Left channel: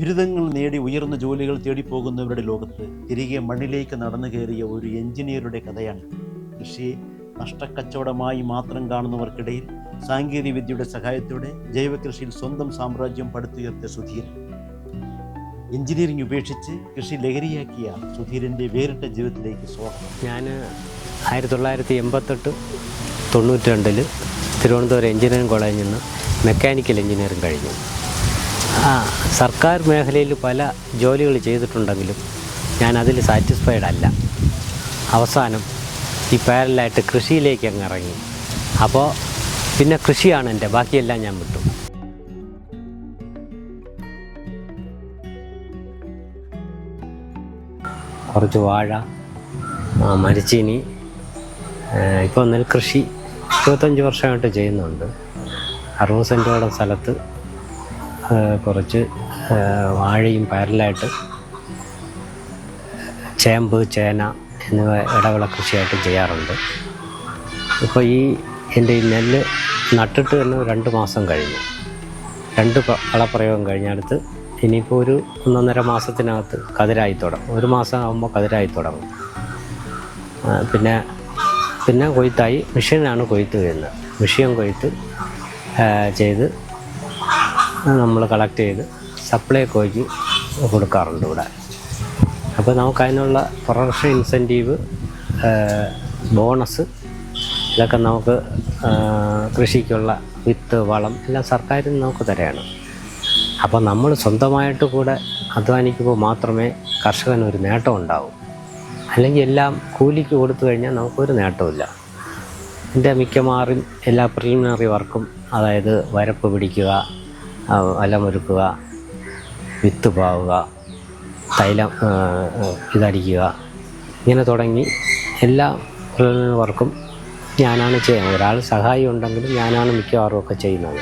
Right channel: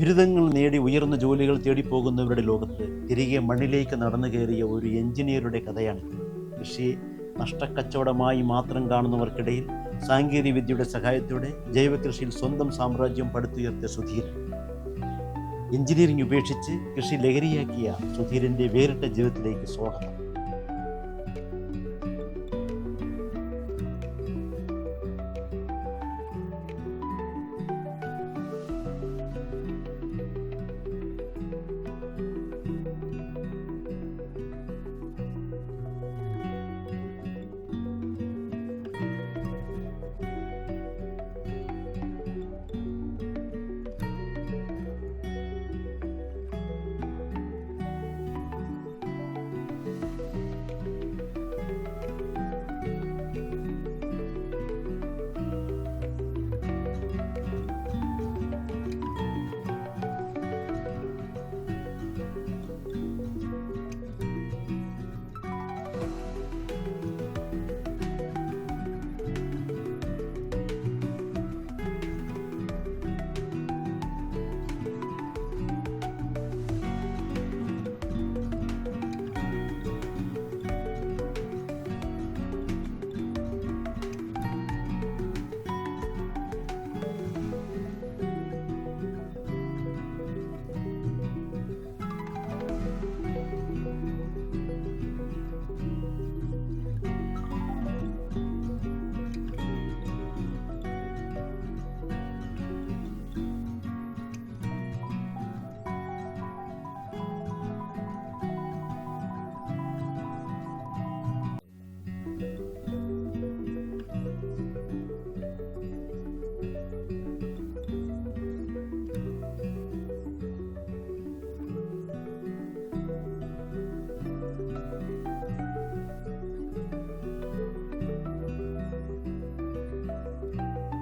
ബിരുദങ്ങൾ നേടി ഉയർന്ന ജോലികൾ തേടിപ്പോകുന്നവരുടെ ലോകത്ത് തിരികെ മണ്ണിലേക്ക് നടന്നു കയറിയ ഒരു എഞ്ചിനീയറുടെ കഥയാണ്. കൃഷിയെ നഷ്ടക്കച്ചവടമായി മാത്രം കാണുന്നവർക്കിടയിൽ സാങ്കേതിക വിദ്യയുടെ സഹായത്തോടെ ജൈവകൃഷിയിൽ സ്വന്തം സാമ്രാജ്യം പടുത്തുയർത്തിയ സുധീരൻ. എഞ്ചിനീയറിംഗ് ഉപേക്ഷിച്ച് കൃഷി ലഹരിയാക്കിയ സുധീരൻ്റെ വേറിട്ട ജീവിതത്തിലേക്ക് സ്വാഗതം. ഞാൻ 1988-92 തിരുവനന്തപുരം എഞ്ചിനീയറിംഗ് കോളേജിൽ നിന്ന് മെക്കാനിക്കൽ എഞ്ചിനീയറിംഗ് കഴിഞ്ഞു. സർക്കാർ മേഖലയിൽ പല ജോലികൾ ചെയ്തിട്ടുണ്ടെങ്കിലും ഞാൻ അതിൽ സാറ്റിസ്ഫൈഡ് അല്ല. അവസാനം ഈ പാരലായിട്ട് കൃഷിയിലേക്ക് അങ്ങ് ഇറങ്ങി. അപ്പോൾ പിന്നെ കൃഷിയാണ് എൻ്റെ, ബാക്കിയെല്ലാം ഞാൻ വിട്ടു. കുറച്ച് വാഴ, മരച്ചീനി, ഇപ്പോൾ നെൽകൃഷി 25 വർഷമായിട്ട് ചെയ്യുന്നുണ്ട്. 60 സെൻറ്റോളം സ്ഥലത്ത് കുറച്ച് വാഴയും പാരലായിട്ട് ചേമ്പ്, ചേന എന്നിവ ഇടവിള കൃഷിയായിട്ട് ചെയ്യാറുണ്ട്. ഇപ്പോൾ എൻ്റെ ഈ നെല്ല് നട്ടിട്ട് തന്നെ 2 മാസം കഴിഞ്ഞു. 2 കളപ്രയോഗം കഴിഞ്ഞടുത്ത് ഇനിയിപ്പോൾ ഒരു 1.5 മാസത്തിനകത്ത് കതിരായി തുടങ്ങും. 1 മാസം ആകുമ്പോൾ കതിരായി തുടങ്ങും. പിന്നെ കൊയ്ത്തായി മെഷീനാണ് കൊയ്ത്ത് ചെയ്യുന്നത്. മെഷീൻ കൊയ്ത്ത് ചെയ്ത് നമ്മൾ കളക്ട് ചെയ്ത് സപ്ലൈകോയ്ക്ക് കൊടുക്കാറുണ്ട് ഇവിടെ. അപ്പോൾ നമുക്ക് അതിനുള്ള പ്രൊഡക്ഷൻ ഇൻസെൻറ്റീവ്, ബോണസ്, ഇതൊക്കെ നമുക്ക് കൃഷിക്കുള്ള വിത്ത്, വളം എല്ലാം സർക്കാരിൽ നിന്ന് നമുക്ക് തരാണ്. അപ്പോൾ നമ്മൾ സ്വന്തമായിട്ട് കൂടെ അധ്വാനിക്കുമ്പോൾ മാത്രമേ കർഷകനൊരു നേട്ടം ഉണ്ടാവൂ. അല്ലെങ്കിൽ എല്ലാം കൂലിക്ക് കൊടുത്തു കഴിഞ്ഞാൽ നമുക്കൊരു നേട്ടമില്ല. എൻ്റെ മിക്കമാറും എല്ലാ പ്രിലിമിനറി വർക്കും, അതായത് വരപ്പ് പിടിക്കുക, വലമൊരുക്കുക, വിത്ത് പാവുക, തൈലം ഇതടിക്കുക, ഇങ്ങനെ തുടങ്ങി എല്ലാ പ്രിലിമിനറി വർക്കും ഞാനാണ് ചെയ്യുന്നത്. ഒരാൾ സഹായി ഉണ്ടെങ്കിലും ഞാനാണ് മിക്കവാറും ഒക്കെ ചെയ്യുന്നത്.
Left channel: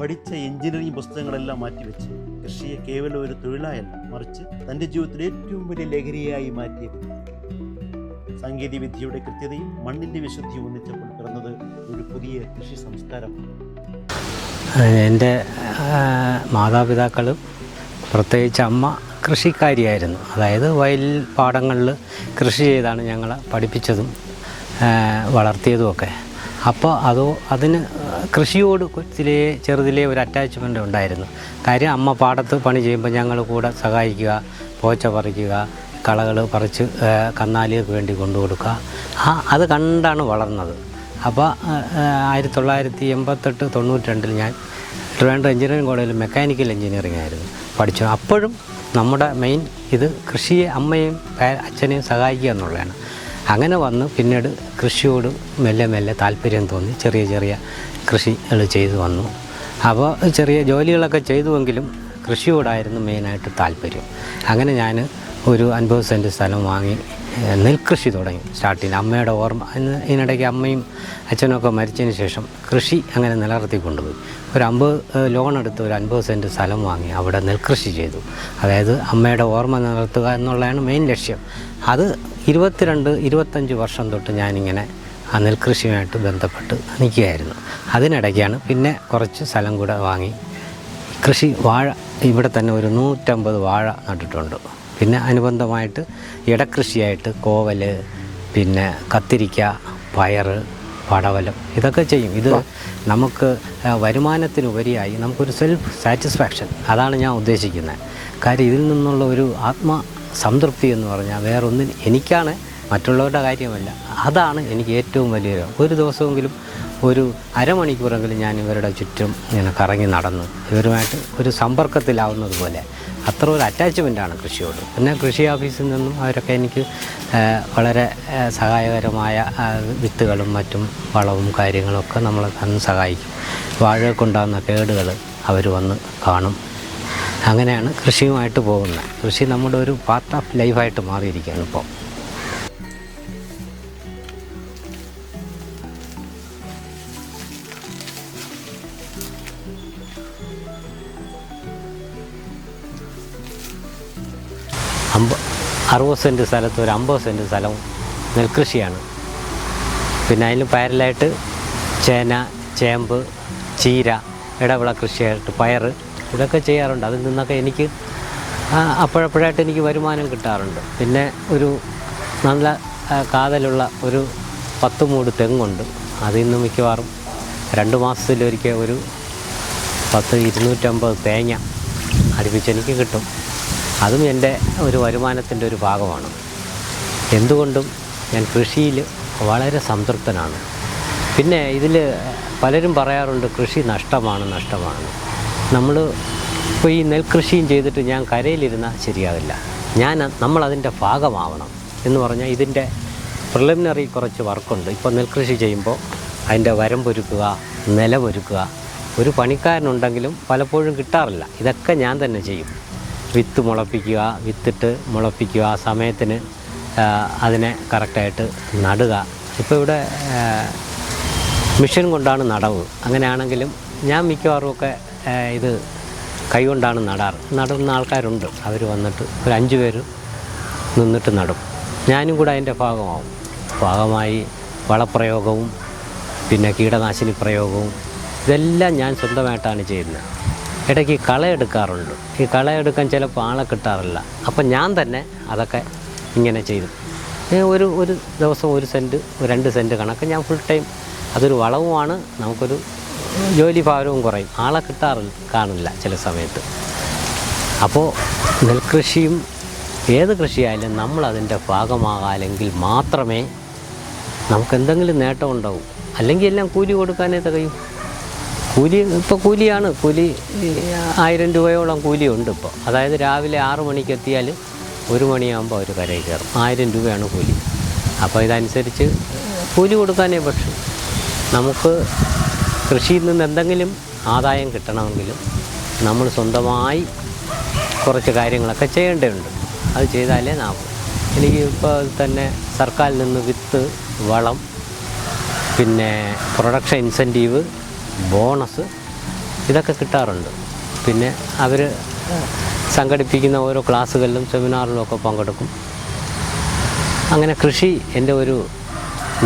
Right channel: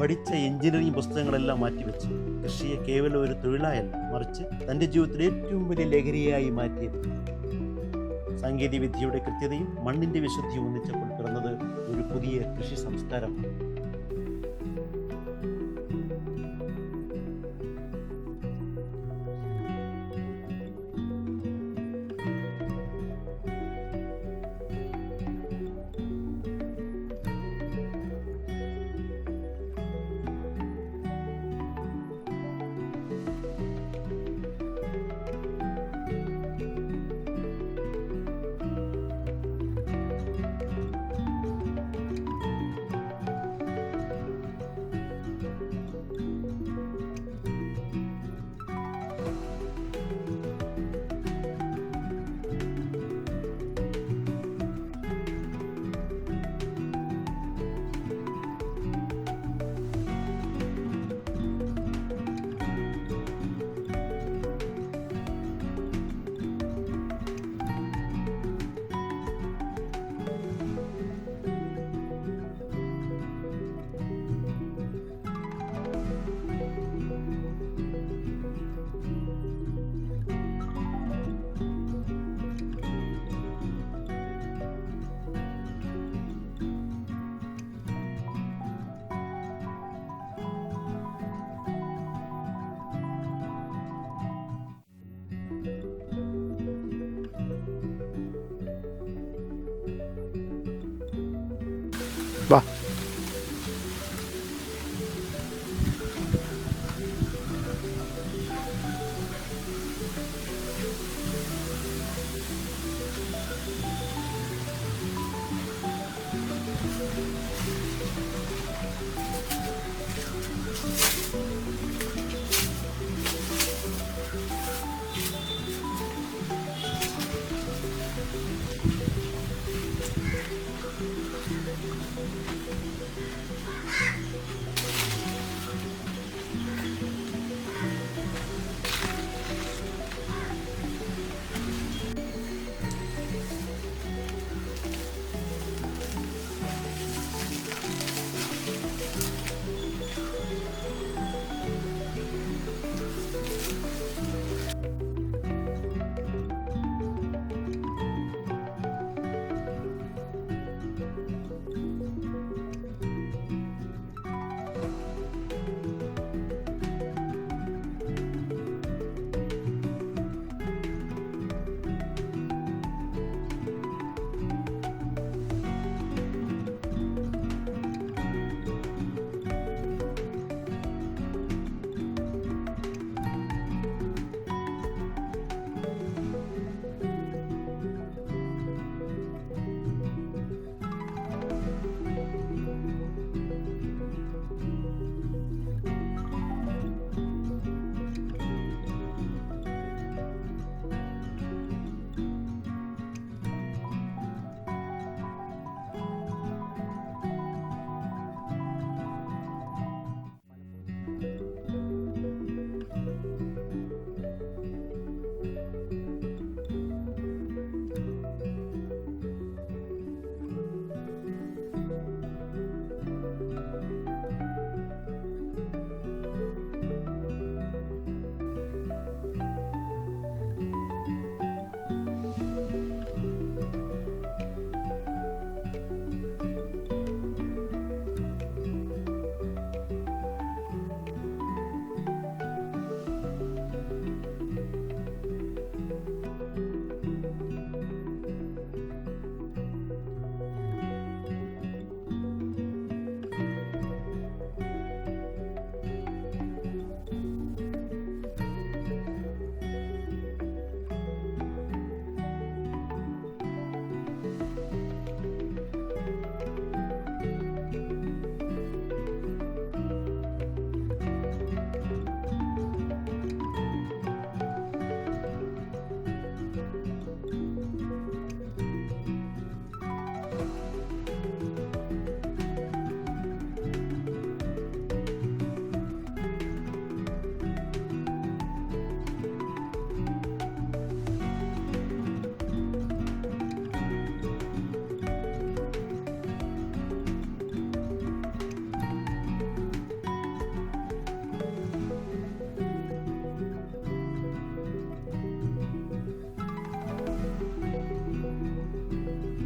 പഠിച്ച എഞ്ചിനീയറിംഗ് പുസ്തകങ്ങളെല്ലാം മാറ്റിവെച്ച് കൃഷിയെ കേവലം ഒരു തൊഴിലായല്ല, മറിച്ച് തൻ്റെ ജീവിതത്തിലെ ഏറ്റവും വലിയ ലഹരിയായി മാറ്റിയത്. സാങ്കേതിക വിദ്യയുടെ കൃത്യതയും മണ്ണിൻ്റെ വിശുദ്ധിയും ഒന്നിച്ചപ്പോൾ പിറന്നത് ഒരു പുതിയ കൃഷി സംസ്കാരമാണ്. എൻ്റെ മാതാപിതാക്കളും പ്രത്യേകിച്ച് അമ്മ കൃഷിക്കാരിയായിരുന്നു. അതായത് വയൽ പാടങ്ങളിൽ കൃഷി ചെയ്താണ് ഞങ്ങളെ പഠിപ്പിച്ചതും വളർത്തിയതുമൊക്കെ. അപ്പോൾ അതിന് കൃഷിയോട് ചെറുതിലേ ഒരു അറ്റാച്ച്മെൻ്റ് ഉണ്ടായിരുന്നു. കാര്യം അമ്മ പാടത്ത് പണി ചെയ്യുമ്പോൾ ഞങ്ങൾ കൂടെ സഹായിക്കുക, പോച്ച പറിക്കുക, കളകൾ പറിച്ച് കന്നാലികൾക്ക് വേണ്ടി കൊണ്ടു കൊടുക്കുക. അത് കണ്ടാണ് വളർന്നത്. അപ്പോൾ 1988-92 ഞാൻ ട്രിവാൻഡ്രം എഞ്ചിനീയറിംഗ് കോളേജിൽ മെക്കാനിക്കൽ എഞ്ചിനീയറിംഗ് ആയിരുന്നു പഠിച്ചു. അപ്പോഴും നമ്മുടെ മെയിൻ ഇത് കൃഷിയെ അമ്മയും അച്ഛനെയും സഹായിക്കുക എന്നുള്ളതാണ്. അങ്ങനെ വന്ന് പിന്നീട് കൃഷിയോട് മെല്ലെ താല്പര്യം തോന്നി. ചെറിയ കൃഷികൾ ചെയ്തു വന്നു. അപ്പോൾ ചെറിയ ജോലികളൊക്കെ ചെയ്തുവെങ്കിലും കൃഷിയോടായിരുന്നു മെയിനായിട്ട് താല്പര്യം. അങ്ങനെ ഞാൻ ഒരു 50 സെൻറ്റ് സ്ഥലം വാങ്ങി നെൽകൃഷി തുടങ്ങി സ്റ്റാർട്ടിങ്. അമ്മയുടെ ഓർമ്മ, ഇതിനിടയ്ക്ക് അമ്മയും അച്ഛനൊക്കെ മരിച്ചതിന് ശേഷം കൃഷി അങ്ങനെ നിലനിർത്തി കൊണ്ടുപോയി. ഒരു 50 ലോൺ എടുത്ത് ഒരു 50 സെൻറ്റ് സ്ഥലം വാങ്ങി അവിടെ നെൽകൃഷി ചെയ്തു. അതായത് അമ്മയുടെ ഓർമ്മ നിലനിർത്തുക എന്നുള്ളതാണ് മെയിൻ ലക്ഷ്യം. അത് 22-25 വർഷം തൊട്ട് ഞാനിങ്ങനെ ആ നെൽകൃഷിയുമായിട്ട് ബന്ധപ്പെട്ട് നിൽക്കുകയായിരുന്നു. അതിനിടയ്ക്കാണ് പിന്നെ കുറച്ച് സ്ഥലം കൂടെ വാങ്ങി കൃഷി. വാഴ ഇവിടെ തന്നെ ഒരു 150 വാഴ നട്ടിട്ടുണ്ട്. പിന്നെ അനുബന്ധമായിട്ട് ഇടക്കൃഷിയായിട്ട് കോവൽ, പിന്നെ കത്തിരിക്ക, പയർ, പടവലം ഇതൊക്കെ ചെയ്യും. ഇത് നമുക്ക് വരുമാനത്തിനുപരിയായി നമുക്കൊരു സെൽഫ് സാറ്റിസ്ഫാക്ഷൻ, അതാണ് ഞാൻ ഉദ്ദേശിക്കുന്നത്. കാര്യം ഇതിൽ നിന്നുള്ള ഒരു സംതൃപ്തി എന്ന് പറഞ്ഞാൽ വേറൊന്നും എനിക്കാണ്, മറ്റുള്ളവരുടെ കാര്യമല്ല. അതാണ് എനിക്ക് ഏറ്റവും വലിയ. ഒരു ദിവസമെങ്കിലും ഒരു അരമണിക്കൂറെങ്കിലും ഞാൻ ഇവരുടെ ചുറ്റും ഇങ്ങനെ കറങ്ങി നടന്ന് ഇവരുമായിട്ട് ഒരു സമ്പർക്കത്തിലാവുന്നത് പോലെ അത്ര ഒരു അറ്റാച്ച്മെൻറ്റാണ് കൃഷിയോട്. പിന്നെ കൃഷി ഓഫീസിൽ നിന്നും അവരൊക്കെ എനിക്ക് വളരെ സഹായകരമായ വിത്തുകളും മറ്റും വളവും കാര്യങ്ങളൊക്കെ നമ്മളെ അന്ന് സഹായിക്കും. വാഴകൾക്കുണ്ടാകുന്ന കേടുകൾ അവർ വന്ന് കാണും. അങ്ങനെയാണ് കൃഷിയുമായിട്ട് പോകുന്നത്. കൃഷി നമ്മുടെ ഒരു പാർട്ട് ഓഫ് ലൈഫായിട്ട് മാറിയിരിക്കുകയാണ് ഇപ്പോൾ. $60 സെൻറ്റ് സ്ഥലത്ത് ഒരു 50 സെൻറ്റ് സ്ഥലവും നെൽകൃഷിയാണ്. പിന്നെ അതിൽ പാരലായിട്ട് ചേന, ചേമ്പ്, ചീര ഇടവിള കൃഷിയായിട്ട് പയർ ഇതൊക്കെ ചെയ്യാറുണ്ട്. അതിൽ നിന്നൊക്കെ എനിക്ക് അപ്പോഴപ്പോഴായിട്ട് എനിക്ക് വരുമാനം കിട്ടാറുണ്ട്. പിന്നെ ഒരു നല്ല കാതലുള്ള ഒരു 10 മൂട് തെങ്ങുണ്ട്. അതിൽ നിന്ന് മിക്കവാറും 2 മാസത്തിലൊരിക്കൽ ഒരു 250 തേങ്ങ അടുപ്പിച്ച് എനിക്ക് കിട്ടും. അതും എൻ്റെ ഒരു വരുമാനത്തിൻ്റെ ഒരു ഭാഗമാണ്. എന്തുകൊണ്ടും ഞാൻ കൃഷിയിൽ വളരെ സംതൃപ്തനാണ്. പിന്നെ ഇതിൽ പലരും പറയാറുണ്ട് കൃഷി നഷ്ടമാണ്. നമ്മൾ ഇപ്പോൾ ഈ നെൽകൃഷിയും ചെയ്തിട്ട് ഞാൻ കരയിലിരുന്നാൽ ശരിയാവില്ല. നമ്മളതിൻ്റെ ഭാഗമാവണം എന്ന് പറഞ്ഞാൽ ഇതിൻ്റെ പ്രിലിമിനറി കുറച്ച് വർക്കുണ്ട്. ഇപ്പോൾ നെൽകൃഷി ചെയ്യുമ്പോൾ അതിൻ്റെ വരമ്പൊരുക്കുക, നിലമൊരുക്കുക. ഒരു പണിക്കാരനുണ്ടെങ്കിലും പലപ്പോഴും കിട്ടാറില്ല. ഇതൊക്കെ ഞാൻ തന്നെ ചെയ്യും. വിത്ത് മുളപ്പിക്കുക, വിത്തിട്ട് മുളപ്പിക്കുക, ആ സമയത്തിന് അതിനെ കറക്റ്റായിട്ട് നടുക. ഇപ്പോൾ ഇവിടെ മെഷീൻ കൊണ്ടാണ് നടവ്. അങ്ങനെയാണെങ്കിലും ഞാൻ മിക്കവാറും ഒക്കെ ഇത് കൈകൊണ്ടാണ് നടുന്ന ആൾക്കാരുണ്ട്. അവർ വന്നിട്ട് ഒരു 5 പേര് നിന്നിട്ട് നടും. ഞാനും കൂടെ അതിൻ്റെ ഭാഗമായി വളപ്രയോഗവും പിന്നെ കീടനാശിനി പ്രയോഗവും ഇതെല്ലാം ഞാൻ സ്വന്തമായിട്ടാണ് ചെയ്യുന്നത്. ഇടയ്ക്ക് കളയെടുക്കാറുണ്ട്. ഈ കളയെടുക്കാൻ ചിലപ്പോൾ ആളെ കിട്ടാറില്ല. അപ്പം ഞാൻ തന്നെ അതൊക്കെ ഇങ്ങനെ ചെയ്തു. ഒരു ദിവസം 1 സെൻറ്റ് 2 സെൻറ്റ് കണക്ക് ഞാൻ ഫുൾ ടൈം. അതൊരു വളവുമാണ്. നമുക്കൊരു ജോലി ഭാരവും കുറയും. ആളെ കാണില്ല ചില സമയത്ത്. അപ്പോൾ നെൽകൃഷിയും ഏത് കൃഷിയായാലും നമ്മളതിൻ്റെ ഭാഗമാകാമെങ്കിൽ മാത്രമേ നമുക്കെന്തെങ്കിലും നേട്ടം ഉണ്ടാവും. അല്ലെങ്കിൽ എല്ലാം കൂലി കൊടുക്കാനേ തികയും. ഇപ്പോൾ കൂലിയാണ്. കൂലി 1000 രൂപയോളം കൂലിയുണ്ട് ഇപ്പോൾ. അതായത് രാവിലെ 6 മണിക്ക് എത്തിയാൽ 1 മണിയാകുമ്പോൾ അവർ കരയിൽ കയറും. 1000 രൂപയാണ് കൂലി. അപ്പോൾ ഇതനുസരിച്ച് കൂലി കൊടുക്കാനേ പക്ഷേ നമുക്ക് കൃഷിയിൽ നിന്ന് എന്തെങ്കിലും ആദായം കിട്ടണമെങ്കിലും നമ്മൾ സ്വന്തമായി കുറച്ച് കാര്യങ്ങളൊക്കെ ചെയ്യേണ്ടതുണ്ട്. അത് ചെയ്താലേ എനിക്ക് ഇപ്പോൾ തന്നെ സർക്കാരിൽ നിന്ന് വിത്ത്, വളം, പിന്നെ പ്രൊഡക്ഷൻ ഇൻസെൻറ്റീവ്, ബോണസ് ഇതൊക്കെ കിട്ടാറുണ്ട്. പിന്നെ അവർ സംഘടിപ്പിക്കുന്ന ഓരോ ക്ലാസ്സുകളിലും സെമിനാറിലും ഒക്കെ പങ്കെടുക്കും. അങ്ങനെ കൃഷി എൻ്റെ ഒരു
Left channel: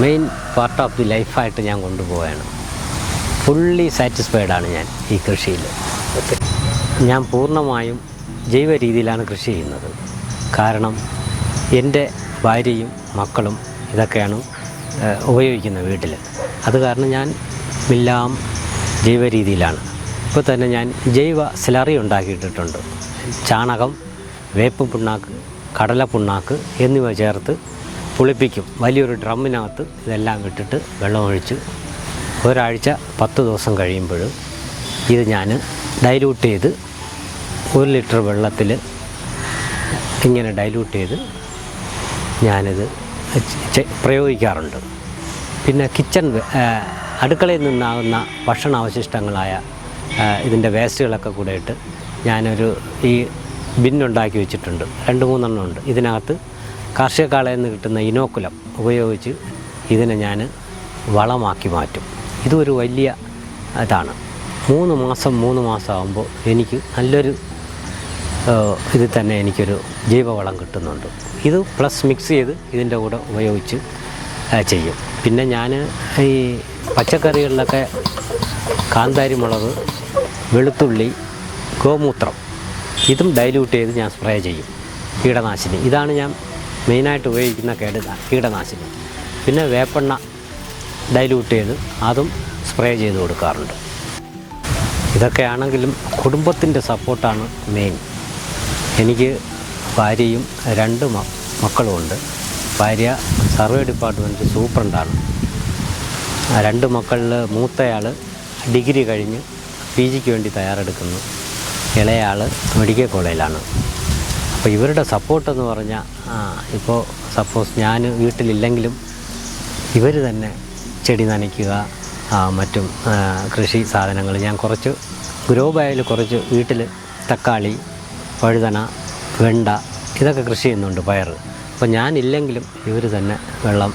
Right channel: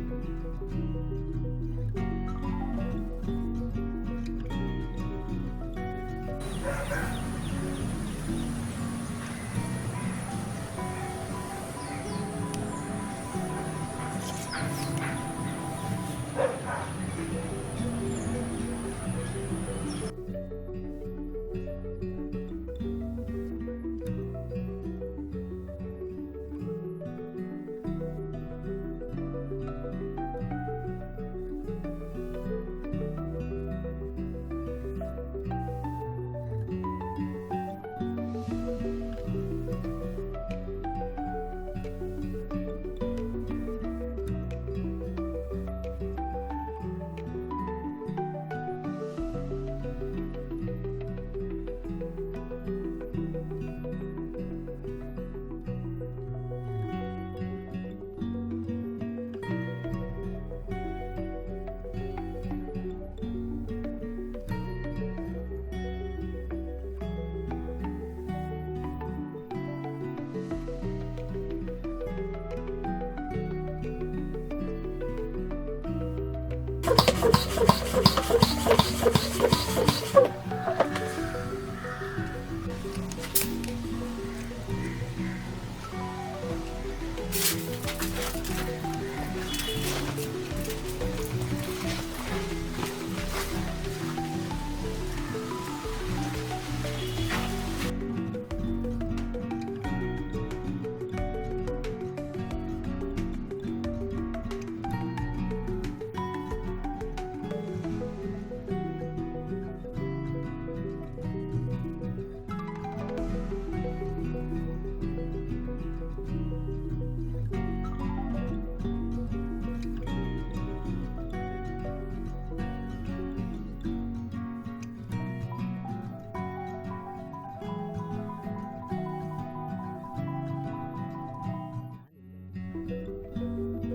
മെയിൻ പാർട്ട് ഓഫ് ദി ലൈഫായിട്ട് ഞാൻ കൊണ്ടുപോവുകയാണ്. ഫുള്ളി സാറ്റിസ്ഫൈഡാണ് ഞാൻ ഈ കൃഷിയിൽ. ഞാൻ പൂർണ്ണമായും ജൈവ രീതിയിലാണ് കൃഷി ചെയ്യുന്നത്. കാരണം എൻ്റെ ഭാര്യയും മക്കളും ഇതൊക്കെയാണ് ഉപയോഗിക്കുന്നത് വീട്ടിൽ. അത് കാരണം ഞാൻ എല്ലാം ജൈവ രീതിയിലാണ്. ഇപ്പോൾ തന്നെ ഞാൻ ജൈവ സ്ലറി ഉണ്ടാക്കിയിട്ടിട്ടുണ്ട്. ചാണകം, വേപ്പ് പിണ്ണാക്ക്, കടല പിണ്ണാക്ക് എന്നിവ ചേർത്ത് പുളിപ്പിക്കും. വലിയൊരു ഡ്രമ്മിനകത്ത് ഇതെല്ലാം ഇട്ടിട്ട് വെള്ളമൊഴിച്ച് ഒരാഴ്ച 10 ദിവസം കഴിയുമ്പോൾ ഇത് ഞാൻ ഡൈല്യൂട്ട് ചെയ്ത് 1 ലിറ്റർ വെള്ളത്തിൽ ഇങ്ങനെ ഡൈല്യൂട്ട് ചെയ്ത് ഞാനിത് പ്രയോഗിക്കാറുണ്ട്. പിന്നെ അടുക്കളയിൽ നിന്നാകുന്ന ഭക്ഷണാവശിഷ്ടങ്ങളായ ഇതിൻ്റെ വേസ്റ്റുകളൊക്കെ കൂടെ ഇട്ട് ഞാനൊരു ഈ ബിന്നുണ്ടാക്കി വെച്ചിട്ടുണ്ട്. 2-3 ഉണ്ട്. ഇതിനകത്ത് കാർഷിക കാളയിൽ നിന്ന് കിട്ടുന്ന ഇനോക്കുലം ഉപയോഗിച്ച് ഇതിനെ ഞാൻ വളമാക്കി മാറ്റും. ഇതൊരു വലിയ ഇതാണ്. 3 മാസം ആകുമ്പോൾ എനിക്ക് നല്ലൊരു ഇതിൽ തന്നെ എനിക്കൊരു ജൈവവളം കിട്ടുന്നുണ്ട്. ഇത് പ്ലസ് മിക്സ് ചെയ്ത് ഇതിൻ്റെ കൂടെ ഉപയോഗിച്ച് ചെയ്യും. പിന്നെ ഞാൻ ഈ പച്ചക്കറികളിലൊക്കെ കാന്താരി മുളക്, വെളുത്തുള്ളി, ഗോമൂത്രം ഇതും ഡൈല്യൂട്ട് ചെയ്ത് ഞാൻ സ്പ്രേ ചെയ്യും. കീടനാശിനി ഇതാണ് ഞാൻ മെയിനായിട്ട് ഉപയോഗിക്കുന്ന കീടനാശിനി. പിന്നെ വേപ്പെണ്ണ ഡൈല്യൂട്ട് ചെയ്ത് അതും സ്പ്രേ ചെയ്ത് കൊടുക്കാറുണ്ട്. ഇതൊക്കെയാണെങ്കിലും കുടുംബത്തിൻ്റെ സപ്പോർട്ടാണ് മെയിൻ. എനിക്ക് ഭാര്യയും 2 മക്കളുമുണ്ട്. ഭാര്യ സർവേ ഡിപ്പാർട്ട്മെൻറ്റ് സൂപ്രണ്ടാണ്. 2 മക്കളിൽ മൂത്തയാൾ ഡിഗ്രി കഴിഞ്ഞ് PGക്ക് വേണ്ടി തയ്യാറെടുക്കുന്നു. ഇളയാൾ മെഡിക്കൽ കോളേജിലാണ്. അപ്പോൾ ഇവരുടെ സപ്പോർട്ടെന്ന് പറഞ്ഞാൽ ഇപ്പോൾ സപ്പോസ് ഞാൻ വീട്ടിലില്ലെങ്കിലും ഇവർ തന്നെ ചെടി നനയ്ക്കുക, മറ്റും കൃഷി സാധനങ്ങൾ ഞാൻ കുറച്ച് ഗ്രോ ബാഗിൽ കുറച്ച് വീട്ടിൽ തക്കാളി, വഴുതന, വെണ്ട ഇതൊക്കെ കൃഷി ചെയ്യുന്നുണ്ട്, പയർ. അപ്പോൾ ഞാനില്ലെങ്കിലും ഇവർ തന്നെ വെള്ളം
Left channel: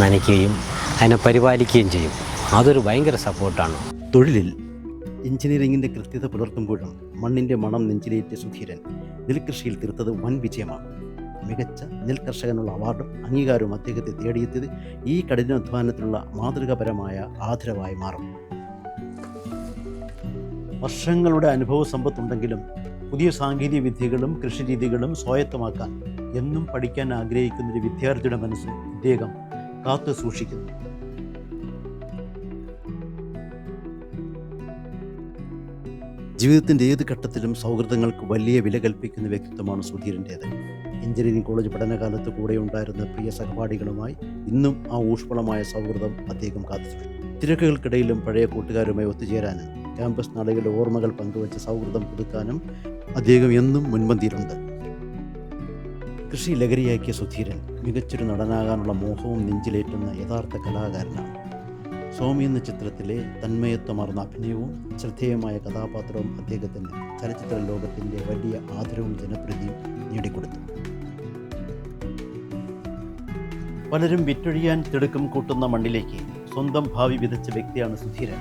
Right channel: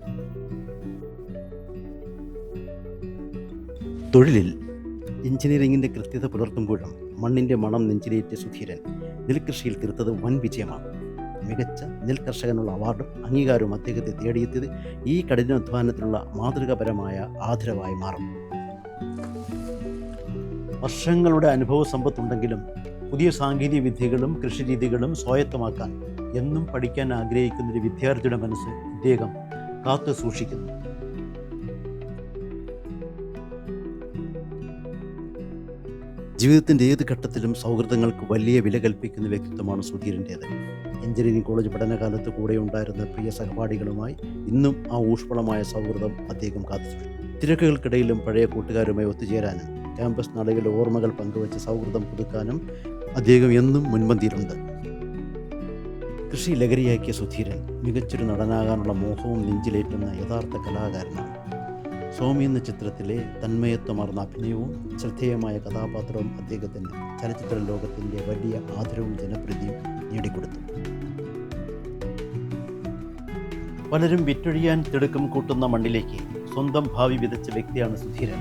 നനയ്ക്കുകയും അതിനെ പരിപാലിക്കുകയും ചെയ്യും. അതൊരു ഭയങ്കര സപ്പോർട്ടാണ്. തൊഴിലിൽ എഞ്ചിനീയറിംഗിൻ്റെ കൃത്യത പുലർത്തുമ്പോഴും മണ്ണിൻ്റെ മണം നെഞ്ചിലേറ്റ സുധീരൻ നെൽകൃഷിയിൽ തീർത്തത് വൻ വിജയമാണ്. മികച്ച നെൽകർഷകനുള്ള അവാർഡും അംഗീകാരവും അദ്ദേഹത്തെ തേടിയെത്തിയത് ഈ കഠിനാധ്വാനത്തിനുള്ള മാതൃകാപരമായ ആദരവായി മാറും. വർഷങ്ങളുടെ അനുഭവ സമ്പത്തുണ്ടെങ്കിലും പുതിയ സാങ്കേതിക വിദ്യകളും കൃഷിരീതികളും സ്വായത്തമാക്കാൻ എന്നും പഠിക്കാൻ ആഗ്രഹിക്കുന്ന ഒരു വിദ്യാർത്ഥിയുടെ മനസ്സ് ഇദ്ദേഹം കാത്തു സൂക്ഷിക്കുന്നു. ജീവിതത്തിൻ്റെ ഏത് ഘട്ടത്തിലും സൗഹൃദങ്ങൾക്ക് വലിയ വില കൽപ്പിക്കുന്ന വ്യക്തിത്വമാണ് സുധീരൻ്റേത്. എഞ്ചിനീയറിംഗ് കോളേജ് പഠനകാലത്ത് കൂടെ ഉണ്ടായിരുന്ന പ്രിയ സഹപാഠികളുമായി ഇന്നും ആ ഊഷ്മളമായ സൗഹൃദം അദ്ദേഹം കാത്തുസൂക്ഷിച്ചു. തിരക്കുകൾക്കിടയിലും പഴയ കൂട്ടുകാരുമായി ഒത്തുചേരാനും ക്യാമ്പസ് നാളുകളിലെ ഓർമ്മകൾ പങ്കുവച്ച് സൗഹൃദം പുതുക്കാനും അദ്ദേഹം എന്നും മുൻപന്തിയിലുണ്ട്. കൃഷി ലഹരിയാക്കിയ സുധീരൻ മികച്ചൊരു നടനാകാനുള്ള മോഹവും നെഞ്ചിലേറ്റുന്ന യഥാർത്ഥ കലാകാരനാണ്. സ്വാമി എന്ന ചിത്രത്തിലെ തന്മയത്വമാർന്ന അഭിനയവും ശ്രദ്ധേയമായ കഥാപാത്രവും അദ്ദേഹത്തിന് ചലച്ചിത്ര ലോകത്തിൻ്റെ വലിയ ആദരവും ജനപ്രീതിയും നേടിക്കൊടുത്തു. പലരും വിറ്റൊഴിയാൻ തിടുക്കം കൂട്ടുന്ന മണ്ണിലേക്ക് സ്വന്തം ഭാവി വിതച്ച വ്യക്തിയാണ് സുധീരൻ.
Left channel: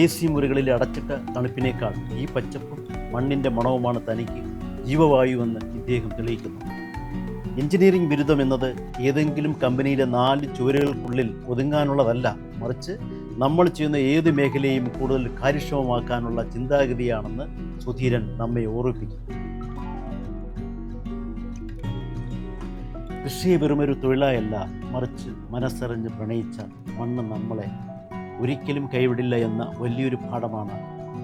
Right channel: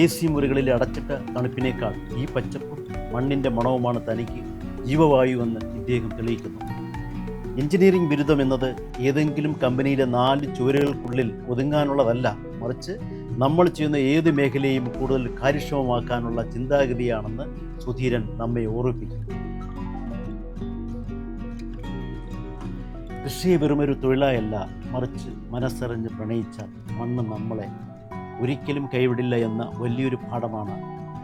AC മുറികളിൽ അടച്ചിട്ട തണുപ്പിനേക്കാൾ ഈ പച്ചപ്പും മണ്ണിൻ്റെ മണവുമാണ് തനിക്ക് ജീവവായുവെന്ന് ഇദ്ദേഹം തെളിയിക്കുന്നു. എഞ്ചിനീയറിംഗ് ബിരുദം എന്നത് ഏതെങ്കിലും കമ്പനിയിലെ 4 ചുവരുകൾക്കുള്ളിൽ ഒതുങ്ങാനുള്ളതല്ല, മറിച്ച് നമ്മൾ ചെയ്യുന്ന ഏത് മേഖലയും കൂടുതൽ കാര്യക്ഷമമാക്കാനുള്ള ചിന്താഗതിയാണെന്ന് സുധീരൻ നമ്മെ ഓർമ്മിപ്പിക്കുന്നു. കൃഷിയെ വെറുമൊരു തൊഴിലായല്ല, മറിച്ച് മനസ്സറിഞ്ഞ് പ്രണയിച്ചാൽ മണ്ണ് നമ്മളെ ഒരിക്കലും കൈവിടില്ല എന്ന വലിയൊരു പാഠമാണ്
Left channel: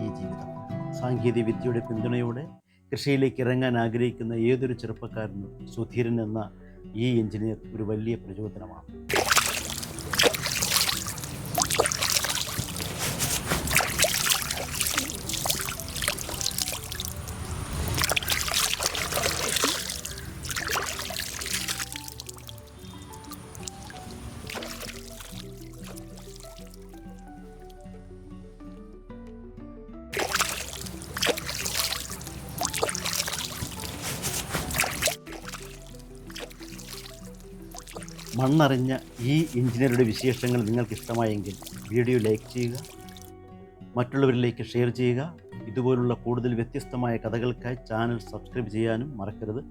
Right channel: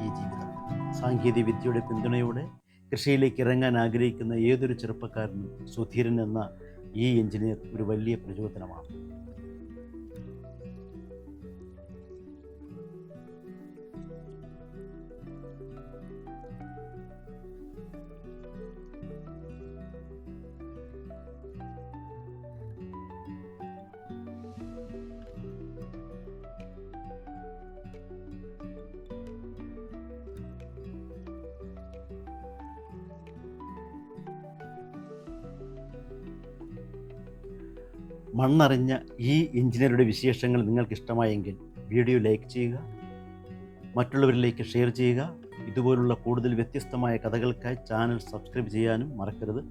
ഈ ജീവിതം. സാങ്കേതിക വിദ്യയുടെ പിന്തുണയോടെ കൃഷിയിലേക്ക് ഇറങ്ങാൻ ആഗ്രഹിക്കുന്ന ഏതൊരു ചെറുപ്പക്കാരനും സുധീരൻ എന്ന ഈ എഞ്ചിനീയർ ഒരു വലിയ പ്രചോദനമാണ്. മണ്ണറിഞ്ഞ ഈ എഞ്ചിനീയറുടെ വിശേഷങ്ങൾ നിങ്ങൾക്ക് ഇഷ്ടമായെങ്കിൽ വീഡിയോ ലൈക്ക് ചെയ്യുക, മറ്റുള്ളവരിലേക്ക് ഷെയർ ചെയ്യുക. ഇതുപോലുള്ള കൂടുതൽ വ്യത്യസ്തമായ കഥകൾക്കായി ചാനൽ സബ്സ്ക്രൈബ് ചെയ്യാനും മറക്കരുത്.